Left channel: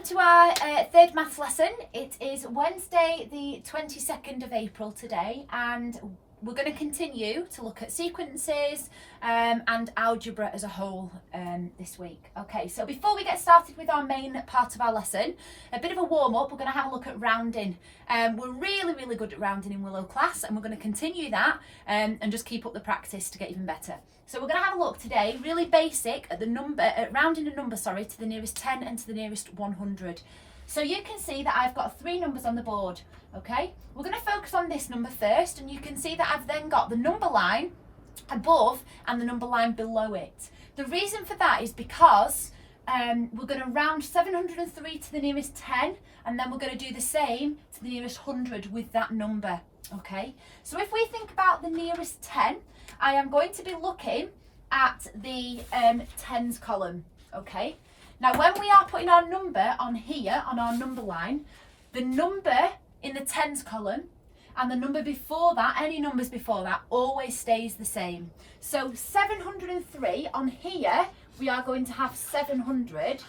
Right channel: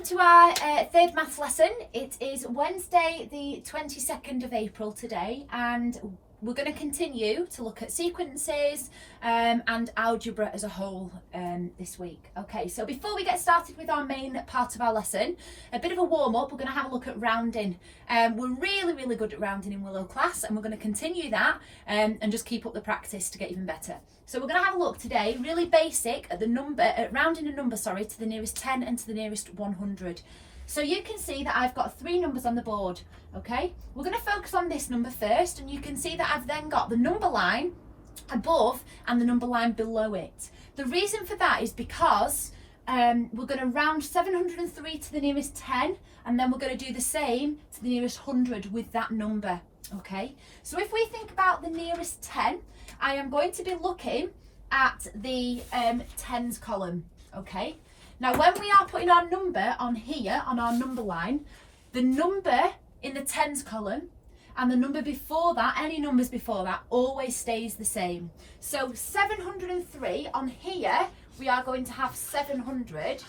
welcome to our third maths lesson. It is Wednesday the 22nd of April today, and we're going to continue to look at sequences and algebra as a whole this week. Okay, so before we get started with our main part of our lesson, a bit of a warm-up, we're going to have a look at rounding. We're really good at rounding in Willow class, and we're going to continue that and just keep up the practice to get even better. So we're going to have a look today, really basic, at the number, at rounding a number, sorry, to the nearest 10 and to the nearest 100. So you can see that I've got three numbers on the board, okay? We're going to focus on this number first, and you can see that I've then got the number line above and the number line below it. The reason for that is because we're going to round 703 to the nearest 10, and then we're going to do the same to the nearest 100 with that number, okay? So if we think about the nearest 10, I am going to be looking at the tens column, okay? Now, when we are putting our number on here, on our number line, the number in the tens column and the number before that, any numbers before that, always stays the same. So 703 on here, we are going to have 700,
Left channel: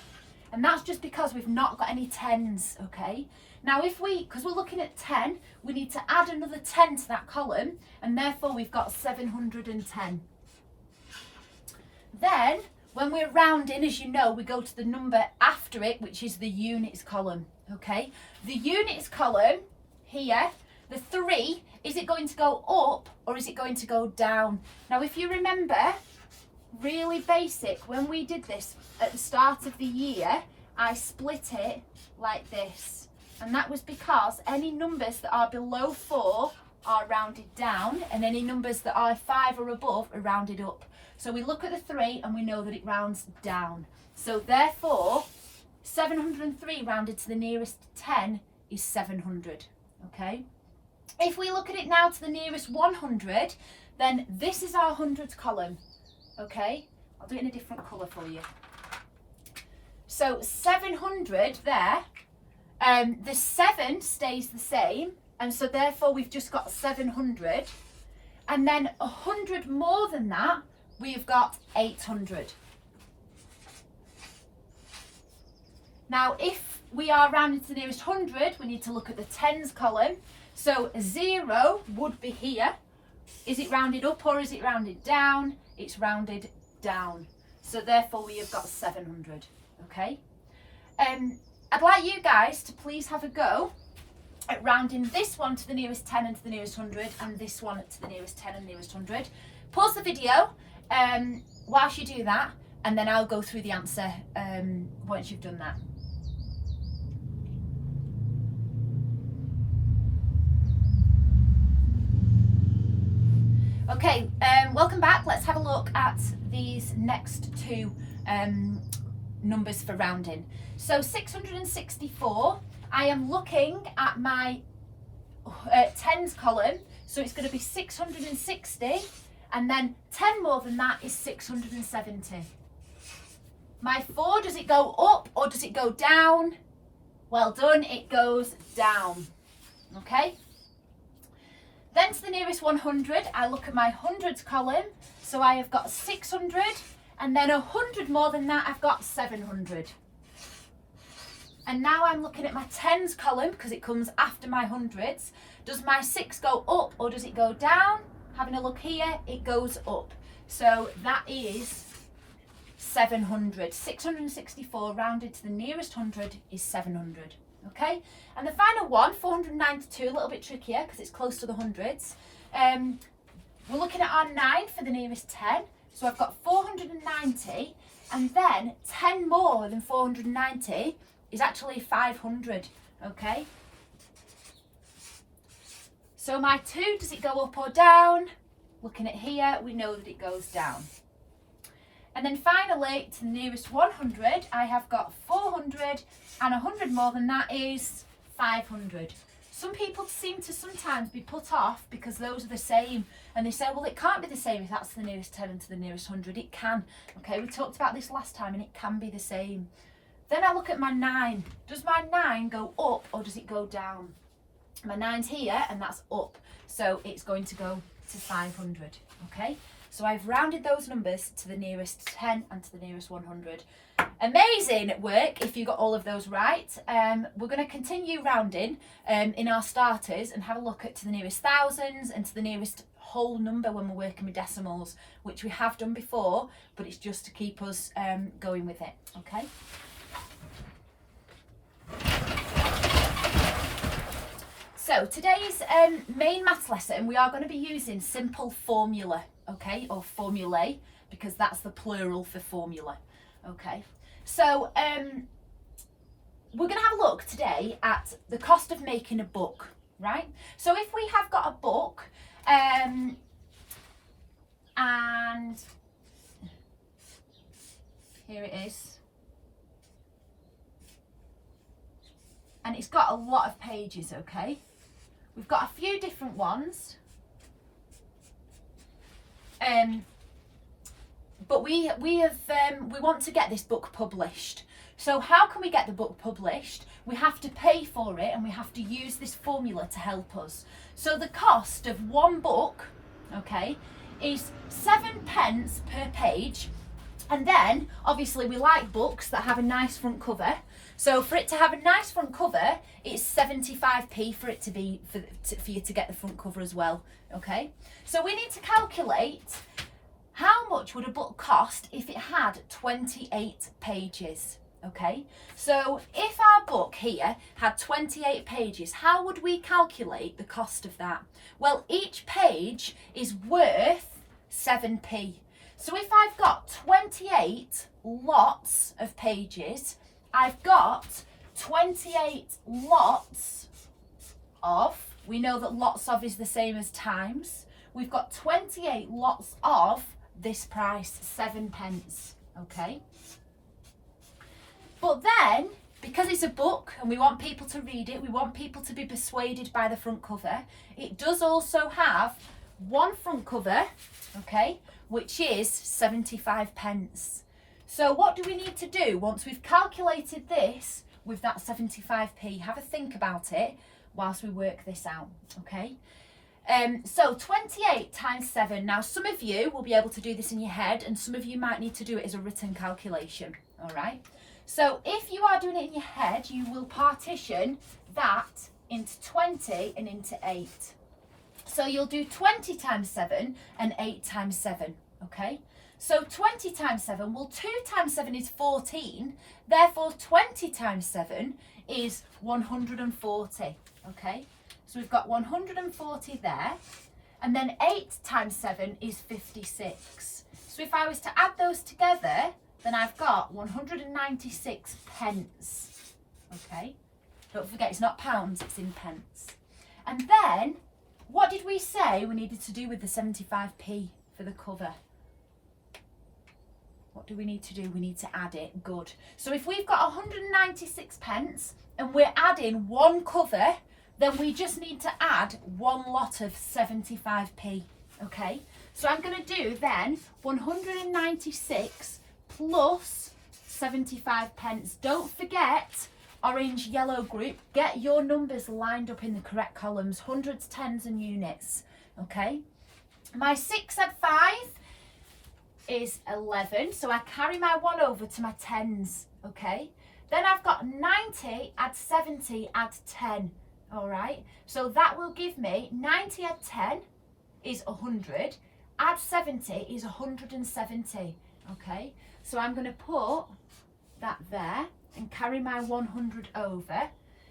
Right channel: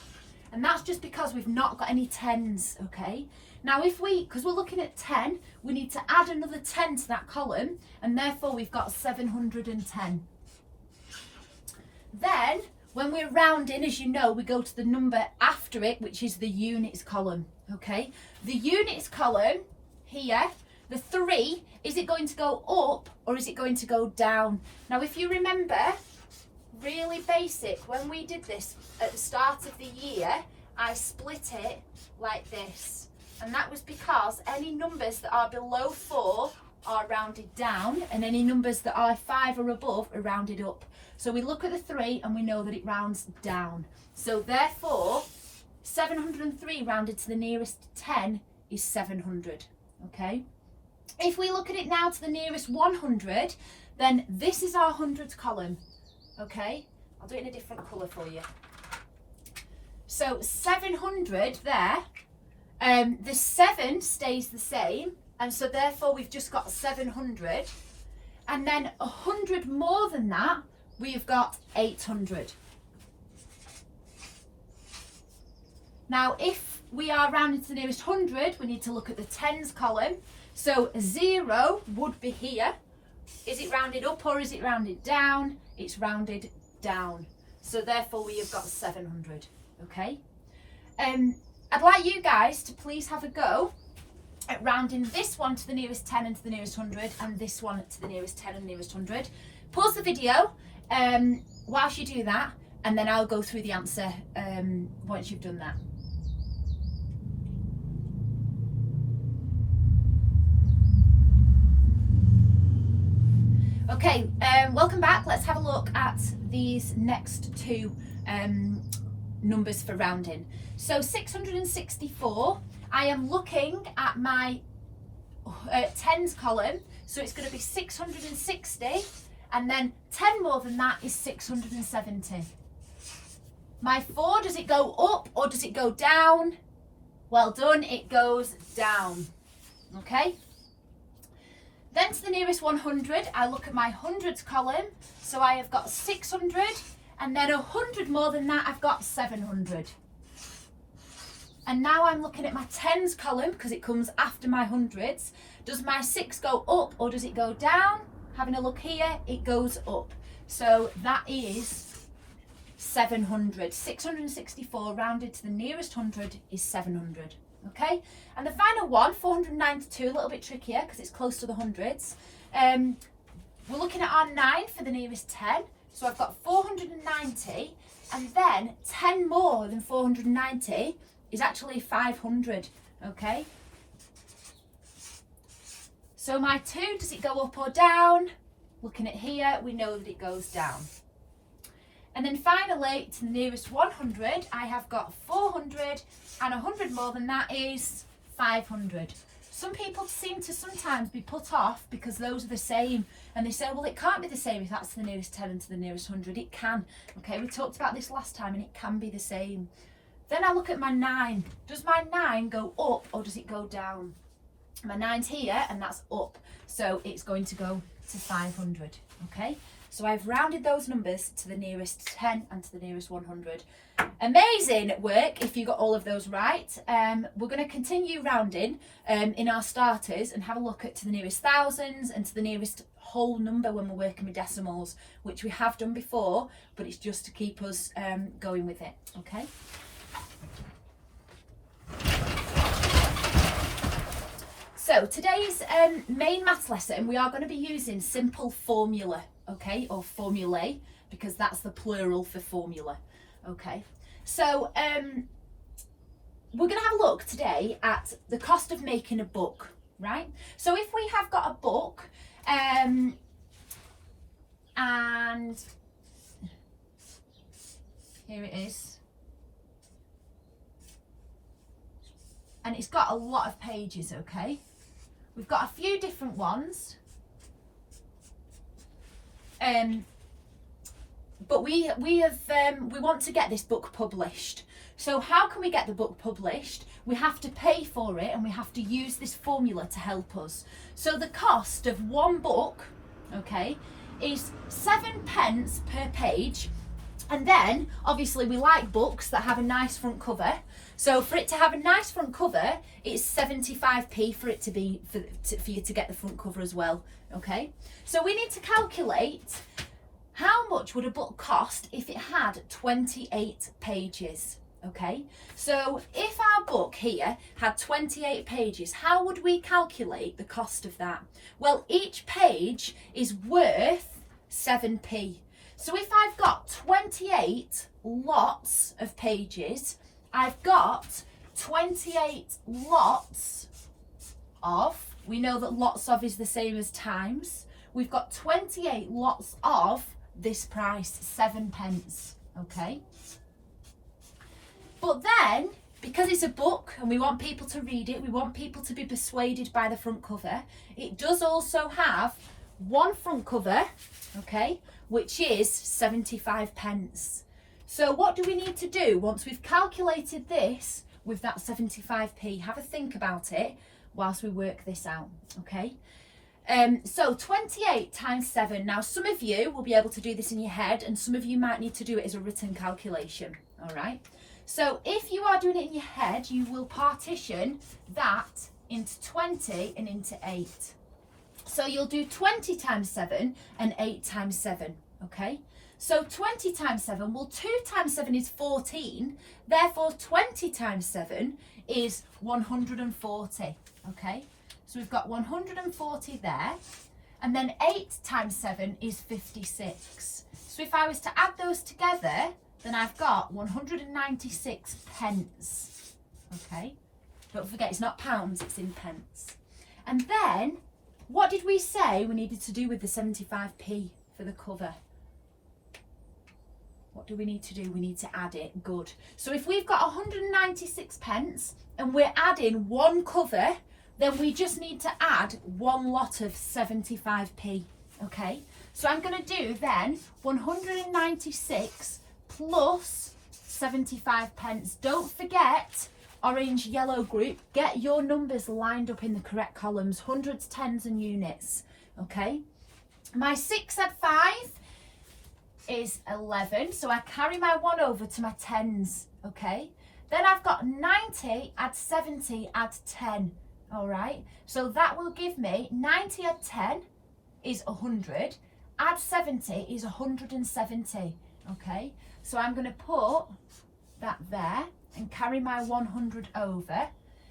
and that's just because we've not got any tens, okay? Now, because we're looking at 10, we need to add another 10 to that column, and therefore we've got 710. Then, when we're rounding, as you know, we go to the number after it, which is the units column, okay? The units column here, the 3, is it going to go up or is it going to go down? Now, if you remember, really basic, when we did this at the start of the year, I split it like this. And that was because any numbers that are below 4 are rounded down, and any numbers that are 5 or above are rounded up. So we look at the 3 and we know that it rounds down. So therefore, 703 rounded to the nearest 10 is 700, okay? If we look at it now to the nearest 100, then this is our hundreds column, okay? I'll do it in a different colour for you. So 700 there, the 7 stays the same, and so therefore we've just got 700, and then 100 more than that, we've got 800. Now, if we are rounding to the nearest 100, we need to look at the tens column. So 0 would be here. Is it rounded up or is it rounded down? It's rounded down. So therefore we have got 700, okay? I'd like you guys to please have a go at rounding this one to the nearest 10 and to the nearest 100, and this one to the nearest 10 and nearest 100. Pause the video whilst you do that, and then I'll go through the answer once you've done that. Okay, welcome back. Let's have a look at these next two numbers for rounding. So 664, I am looking at my tens column, so it's going to be 660, and then 10 more than that is 670. My 4, does it go up or does it go down? Well done, it goes down, okay? Then to the nearest 100, I look at my hundreds column, so I have got 600, and then 100 more than that, I've got 700. And now I'm looking at my tens column because it comes after my hundreds. Does my 6 go up or does it go down? Having a look here, it goes up. So that is 700. 664 rounded to the nearest 100 is 700. Okay? And the final one, 492, a little bit trickier because it's close to the hundreds. We're looking at our 9 for the nearest 10. So I've got 490, and then 10 more than 490 is actually 500, okay? So my 2, does it go up or down? Looking at here, we know that it goes down. And then finally, to the nearest 100, I have got 400, and 100 more than that is 500. Some people seem to sometimes be put off because those are the same, and they say, well, it can't be the same if that's to the nearest 10 and to the nearest 100. It can, okay? We talked about this last time, and it can be the same. Then I look at my 9. Does my 9 go up or does it go down? My 9's here, and that's up, so it's going to go to 500, okay? So I've rounded those numbers to the nearest 10 and to the nearest 100. Amazing work if you got all of those right. We're going to continue rounding in our starters and have a look at to the nearest thousands and to the nearest whole number when we're working with decimals, which we have done before, but it's just to keep us going with it, okay? So today's main maths lesson, we are going to be using simple formula, okay, or formulae, because that's the plural for formula, okay. So we're going to have a look today at the cost of making a book, right? So if we have got a book and here it is, and it's got a lot of pages, okay? We've got a few different ones, but we want to get this book published. So how can we get the book published? We have to pay for it, and we have to use this formula to help us. So the cost of one book, okay, is 7p per page. And then obviously we like books that have a nice front cover. So for it to have a nice front cover, it's 75p for it to be for you to get the front cover as well, okay? So we need to calculate how much would a book cost if it had 28 pages, okay? So if our book here had 28 pages, how would we calculate the cost of that? Well, each page is worth 7p. So if I've got 28 lots of pages, I've got 28 lots of, we know that lots of is the same as times. We've got 28 lots of this price, 7p, okay? But then, because it's a book and we want people to read it, we want people to be persuaded by the front cover, it does also have one front cover, okay, which is 75p. So what do we need to do once we've calculated this with that 75p? Have a think about it whilst we work this out, okay? So 28 times 7. Now some of you will be able to do this in your head, and some of you might need to do it as a written calculation, all right? So if you are doing it in your head, you will partition that into 20 and into 8. So you'll do 20 times 7 and 8 times 7, okay? So 20 times 7, well 2 times 7 is 14, therefore 20 times 7 is 140, okay? So we've got 140 there, and then 8 times 7 is 56. So if I was to add those together, then I've got 196p, okay? Don't forget, it's not pounds, it's in pence. And then, what did we say we needed to do with the 75p for the cover? What do we need to do? We need to add it. Good. So if we've got 196p and we're adding one cover, then we just need to add one lot of 75p, okay? So I'm going to do then 196 plus 75p. Don't forget, orange, yellow group, get your numbers lined up in the correct columns, hundreds, tens and units, okay? My 6 add 5 is 11, so I carry my 1 over to my tens, okay? Then I've got 90 add 70 add 10, all right? So that will give me 90 add 10 is 100, add 70 is 170, okay? So I'm going to put that there and carry my 100 over,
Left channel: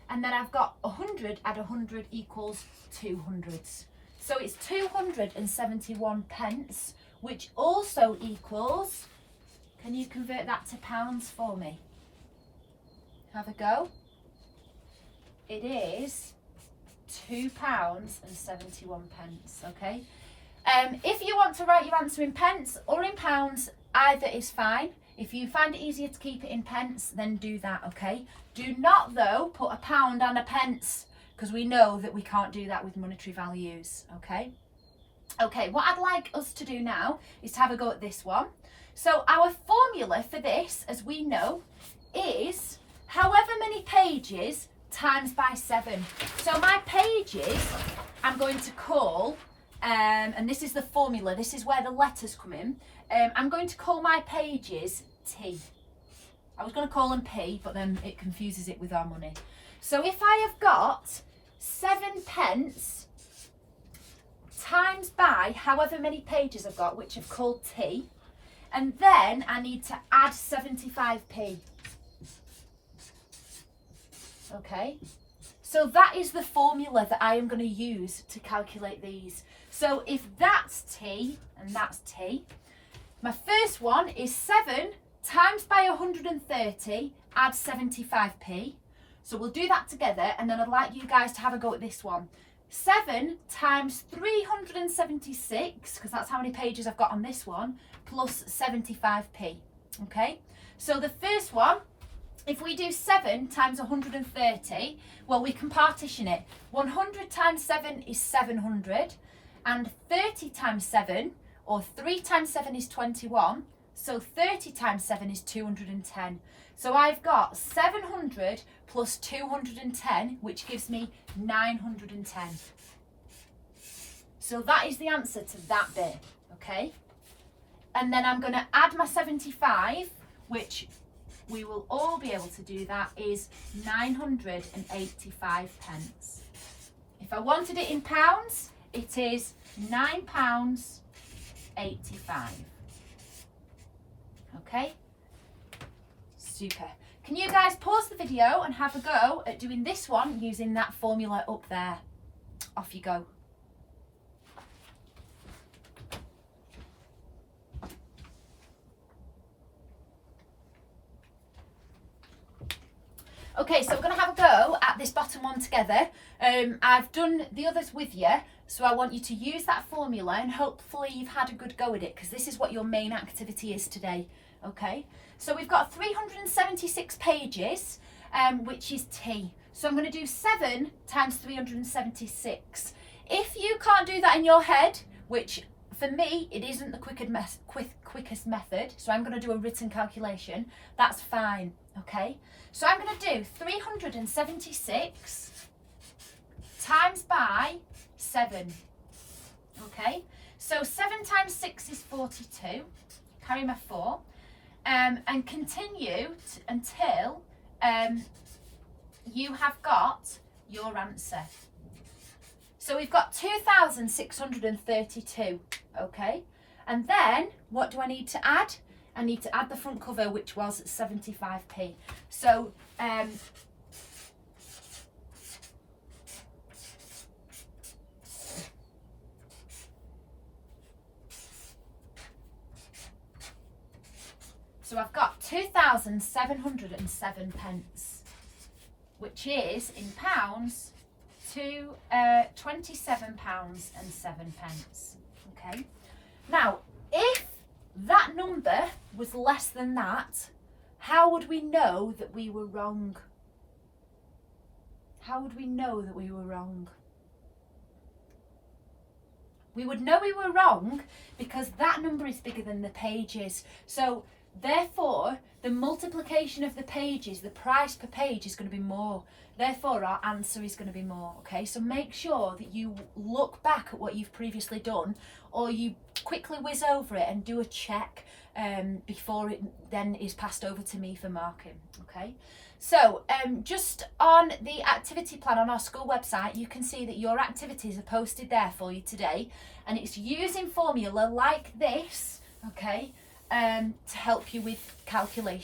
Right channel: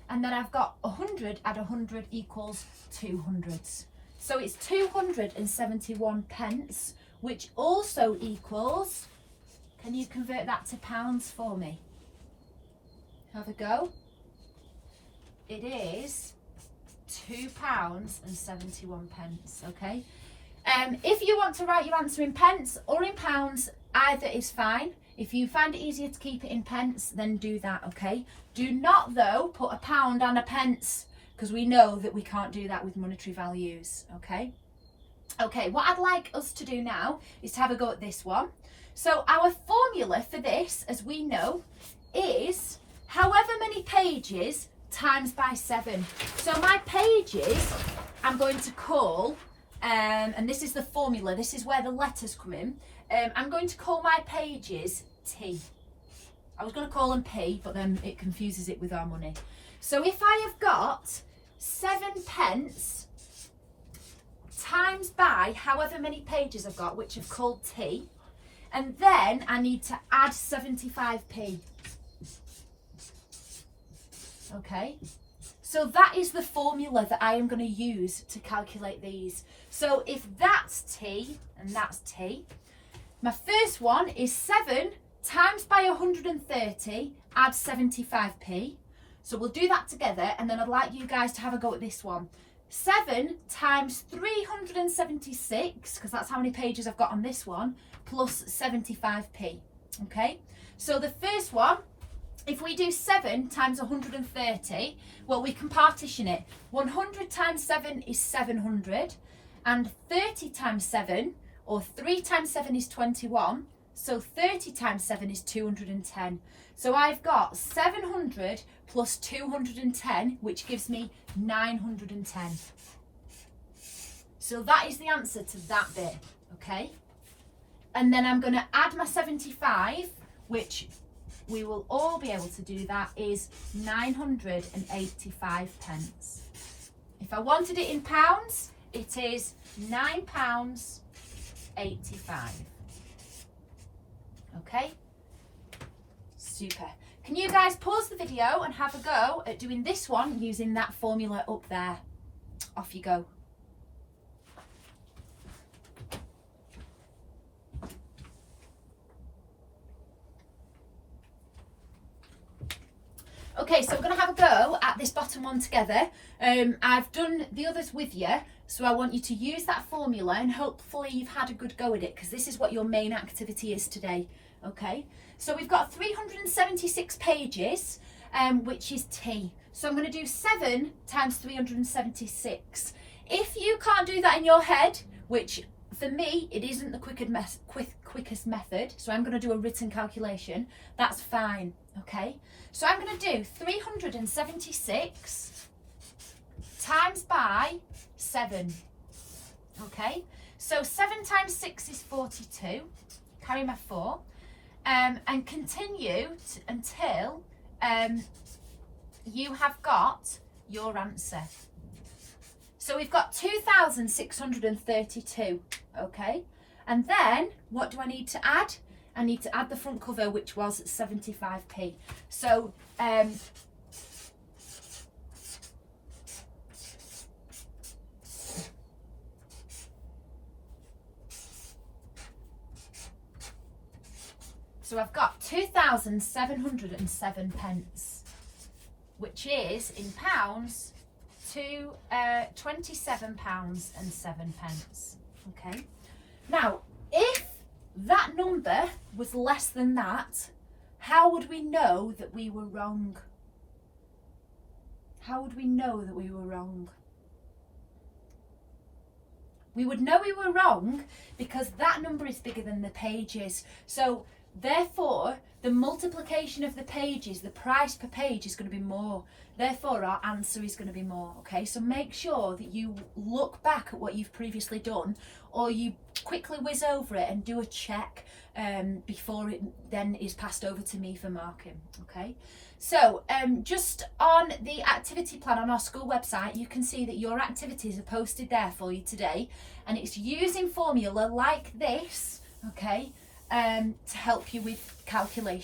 and then I've got 100 add 100 equals 200s. So it's 271p, which also equals, can you convert that to pounds for me? Have a go. It is £2.71, okay? If you want to write your answer in pence or in pounds, either is fine. If you find it easier to keep it in pence, then do that, okay? Do not, though, put a pound and a pence, because we know that we can't do that with monetary values, okay? Okay, what I'd like us to do now is to have a go at this one. So our formula for this, as we know, is however many pages times by 7. So my pages I'm going to call and this is the formula. This is where the letters come in. I'm going to call my pages T. I was going to call them P, but then it confuses it with our money. So if I have got 7 pence times by however many pages I've got, which I've called T, and then I need to add 75p. Okay, so that is the formula that I am going to use to calculate these. So if that's T and that's T, my first one is 7 times by 130, add 75p. So we'll do that together, and then I'd like you guys to have a go at this one. 7 times 376, because that's how many pages I've got on this one, plus 75p. Okay, so the first one, if we do 7 times 130, well, we can partition it. 100 times 7 is 700, and 30 times 7, or 3 times 7 is 21, so 30 times 7 is 210. So I've got 700 plus 210, which gives me 910. So that is the answer to that bit, okay? And then I'm going to add my 75, which we will all be able to do. That is 985 pence. If I wanted it in pounds, it is £9.85. Okay? Super. Can you guys pause the video and have a go at doing this one using that formula up there? Off you go. Okay, so I'm going to have a go at this bottom one together. I've done the others with you, so I want you to use that formula and hopefully you've had a good go at it, because this is what your main activity is today. Okay, so we've got 376 pages, which is T. So I'm going to do 7 times 376. If you can't do that in your head, which for me, it isn't the quickest method, so I'm going to do a written calculation, that's fine, okay? So I'm going to do 376 times by 7, okay? So 7 times 6 is 42, carry my 4, and continue until you have got your answer. So we've got 2,632, okay? And then, what do I need to add? I need to add the front cover, which was 75p. So, so I've got 2,707 pence, which is, in pounds, to £27.07. Okay. Now, if that number was less than that, how would we know that we were wrong? How would we know that we were wrong? We would know we were wrong because that number is bigger than the pages. So therefore, the multiplication of the pages, the price per page is going to be more. Therefore, our answer is going to be more, okay? So make sure that you look back at what you've previously done, or you quickly whiz over it and do a check before it then is passed over to me for marking, okay? So just on the activity plan on our school website, you can see that your activities are posted there for you today, and it's using formula like this, okay, to help you with calculation.